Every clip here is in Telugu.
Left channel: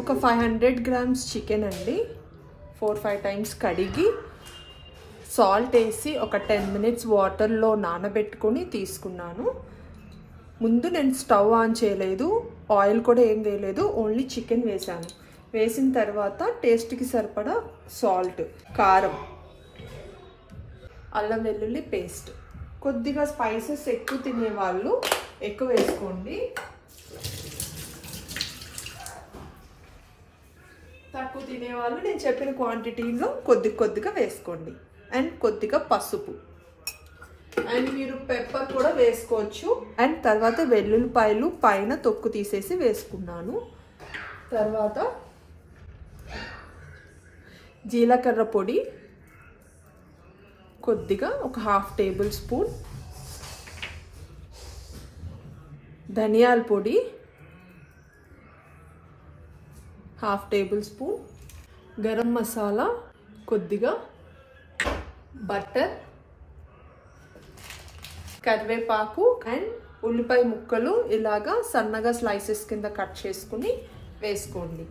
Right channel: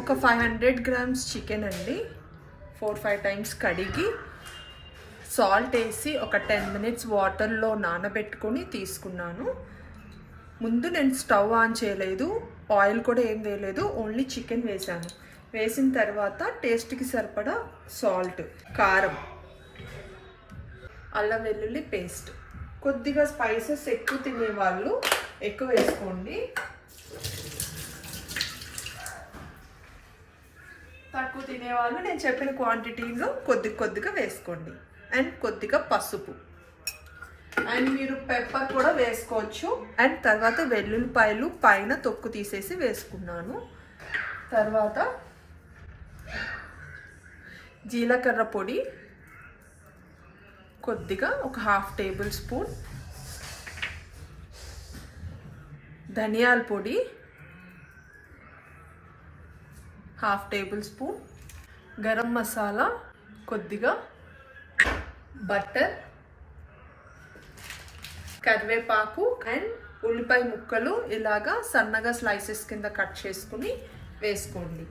ఒక 500 grams చికెన్ అండి 4-5 టైమ్స్ కడిగి సాల్ట్ వేసి ఒక 10 minutes వాటర్లో నానబెట్టుకొని తీసుకున్నాను. ముందు నేను స్టవ్ ఆన్ చేయలేదు, ఆయిల్ కూడా ఏం వేయలేదు, ఓన్లీ చికెన్ వేసాను. వేసిన తర్వాత టేస్ట్కి సరిపడా సాల్ట్, కారం, అల్లం వెల్లుల్లి పేస్ట్, కొద్దిగా స్పైసెస్ ఎక్కువ తినేవాళ్ళు ఎక్కువ వేసుకోండి, తక్కువ తినేవాళ్ళు నేను చెప్పిన క్వాంటిటీలో కొద్దిగా వేసుకోండి. అండ్ కొద్దిగా పసుపు, అండ్ మీరు పెప్పర్ కూడా వేసుకోవచ్చు. అండ్ తర్వాత వెల్లుల్లిపాయలు పైన తొక్కు తీసేసి వేసుకున్నాను. తర్వాత జీలకర్ర పొడి కొద్దిగా ఒక 1/2 tablespoon, ధనియాల పొడి 1/2 tablespoon, గరం మసాలా కొద్దిగా, బటర్, కరివేపాకు అండ్ ఉల్లిపాయ ముక్కలు ఇలాగా సన్నగా స్లైసెస్ కింద కట్ చేసుకుని వేసుకోండి.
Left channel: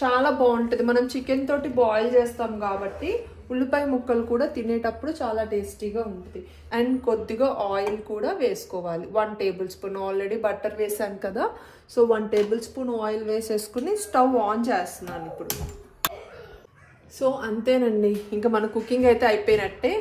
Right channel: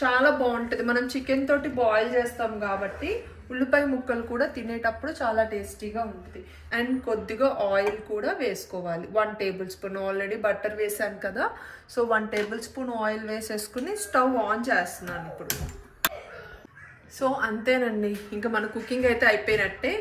చాలా బాగుంటుంది. మనం చికెన్ తోటి బాయిల్ చేస్తాం కాబట్టి ఉల్లిపాయ ముక్కలు కూడా తినేటప్పుడు చాలా టేస్టీగా ఉంటుంది. అండ్ కొద్దిగా ఆయిల్ కూడా వేసుకోవాలి, 1 tablespoon. ఆల్రెడీ బటర్ వేసాను కదా, సో 1 tablespoon ఆయిల్ వేసేసుకుని స్టవ్ ఆన్ చేస్తున్నాను ఇప్పుడు. సో అంతేనండి, ఇంకా మన కుకింగ్ అయితే అయిపోయినట్టే.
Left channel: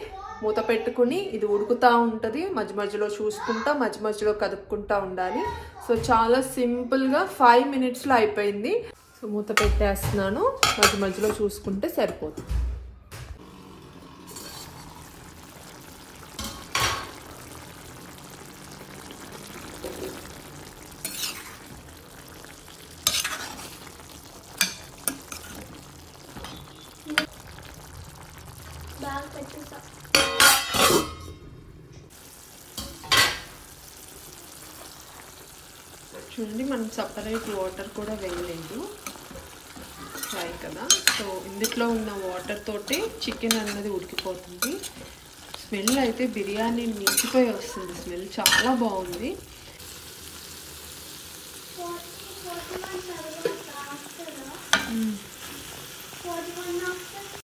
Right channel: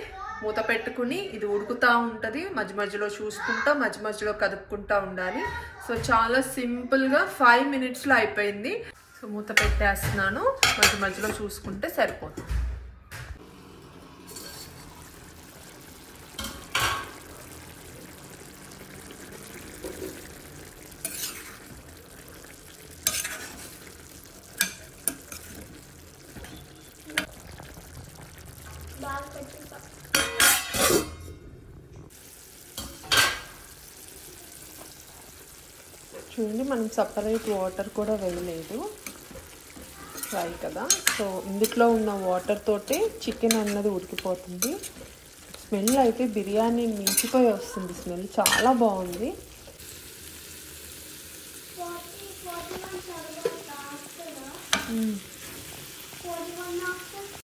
మూత పెట్టుకుని ఇది ఉడుకుతూ ఉంటుంది, మధ్య మధ్యలో చూసుకుంటా మధ్య మధ్యలో కదుపుకుంటూ ఉండాలి. సో చాలా సింపుల్గా 5 minutesలో అయిపోయింది. సో మూత పెట్టేస్తున్నాను, మధ్య మధ్యలో చూసుకుంటే సరిపోతుంది. చూడండి, మనం సపరేట్ వాటర్ కూడా వేయలేదు, ఫ్రై కదా. సో ఇందులో ఉన్న వాటర్ తోటి చికెన్ అన్నది ఉడికిపోతుంది. స్మెల్ అయితే బిర్యానీ మించిపోయి వస్తుంది, స్మెల్ చాలా బాగుంది.